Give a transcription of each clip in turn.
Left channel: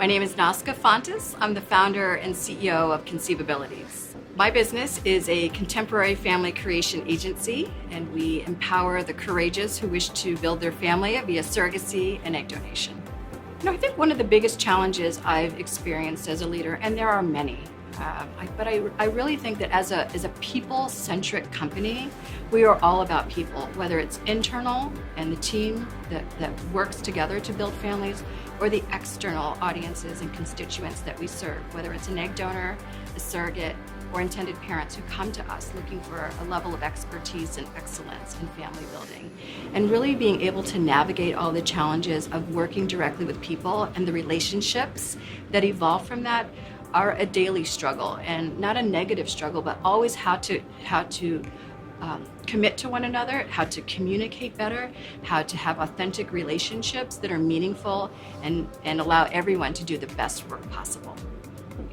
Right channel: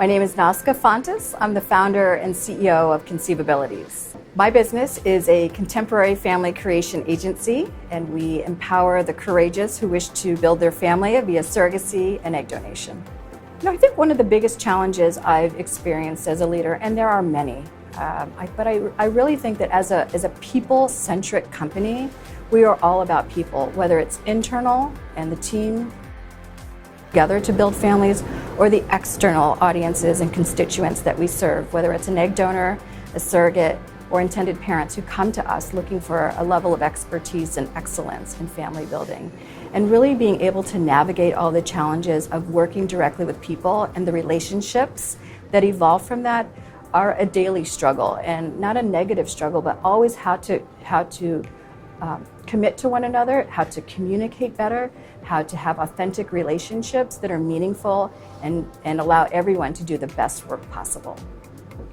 My name is Nazca Fontes. I'm the founder and CEO of Conceive Abilities. My business is a contemporary family creation agency, and we empower the courageous who wish to build their family via surrogacy and egg donation. I think one of the biggest challenges I've experienced as a leader, and there are many, but I really think that as a people-centric company, we are all about people, whether it's internal and the team that works together to build families, or the external audiences and constituents that we serve, whether it's an egg donor, a surrogate, or intended parents who come to us looking for a level of expertise and excellence in family building. And really being able to navigate all the challenges of working directly with people and the relationships that evolve from that are a daily struggle, and not a negative struggle, but always how to commit to one another, how to communicate better, how to have authentic relationships that are meaningful and allow everyone to do the best work possible.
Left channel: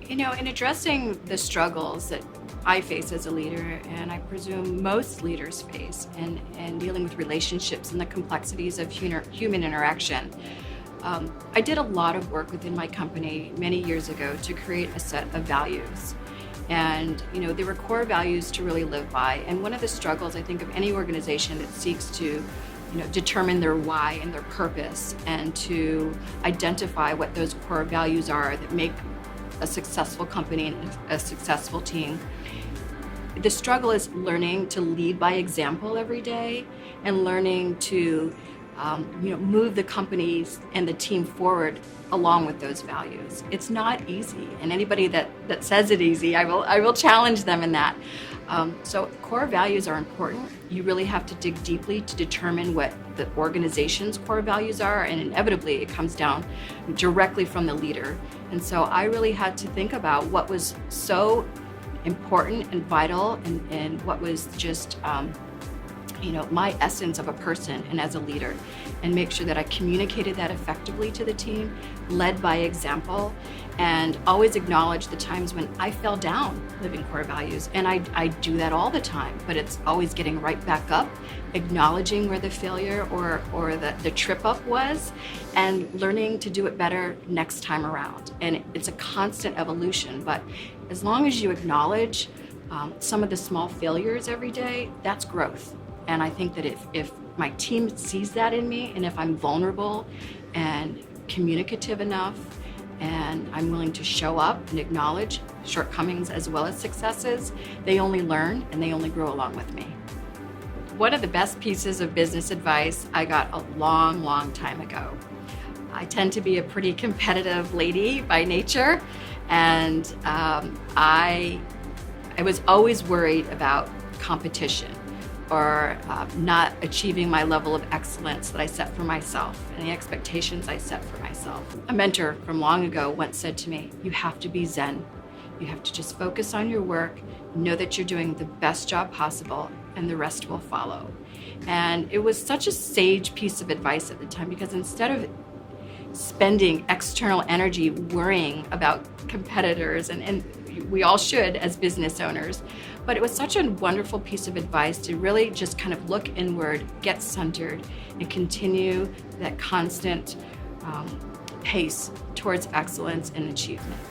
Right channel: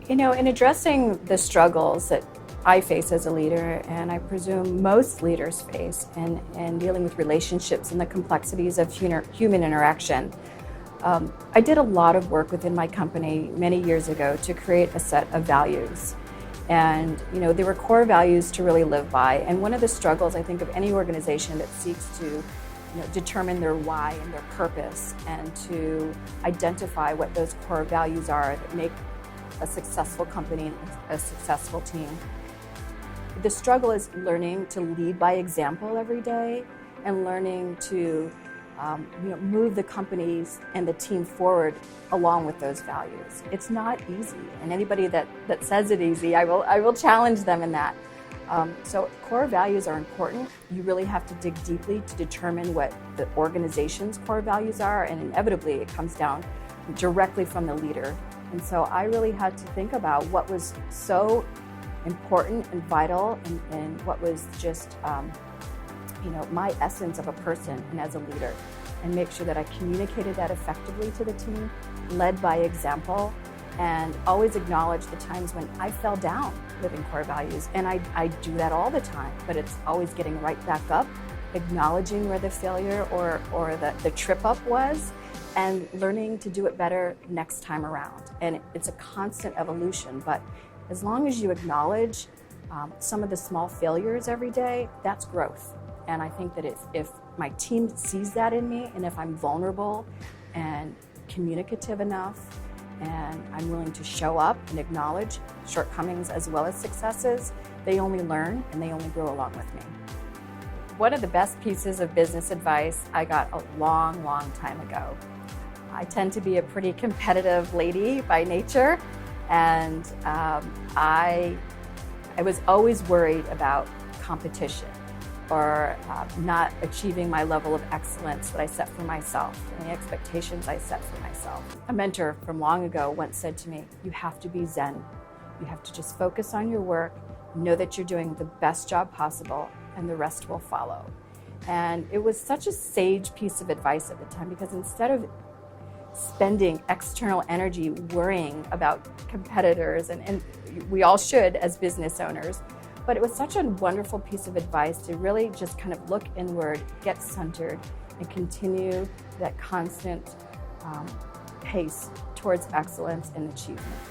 In addressing the struggles that I face as a leader, and I presume most leaders face, and dealing with relationships and the complexities of human interaction, I did a lot of work within my company many years ago to create a set of values. And there were core values to really live by. And one of the struggles, I think, of any organization that seeks to determine their why and their purpose, and to identify what those core values are that make a successful company and a successful team. The struggle is learning to lead by example every day, and learning to move the companies and the team forward along with those values. It's not easy, and anybody that says it easy, I will challenge them in that. So core values are important. You really have to dig deeply to determine what the organization's core values are, and inevitably it comes down directly from the leader. And so I really had to think about what was so important and vital, and what was just my essence of a person and as a leader, and make sure that I communicated that effectively to the team, led by example, and always acknowledge the times when I fell down living core values. And I do that all the time, but it's always getting right back up, acknowledging where the failure or the trip up was, and learning to do it better next time around. And it's a constant evolution, but as long as you acknowledge some of the small failures every day, that's growth. And I think that if my team sees that in me, and if I'm vulnerable and communicative enough, and I'm willing to show up and acknowledge shortcomings as well as successes, they only learn and they only grow along with me. One of the best pieces of business advice I got a long, long time ago. I tend to be a pretty competitive lady by nature, and I was always worried about competition, or not achieving my level of excellence that I set for myself and the expectations I set for myself. A mentor from long ago once said to me, "You have to be Zen. You have to just focus on your work, know that you're doing the best job possible, and the rest will follow." And it was such a sage piece of advice at the time, because instead of spending external energy worrying about competitors, and we all should as business owners, but it was such a wonderful piece of advice to really just kind of look inward, get centered, and continue that constant pace towards excellence and achievement.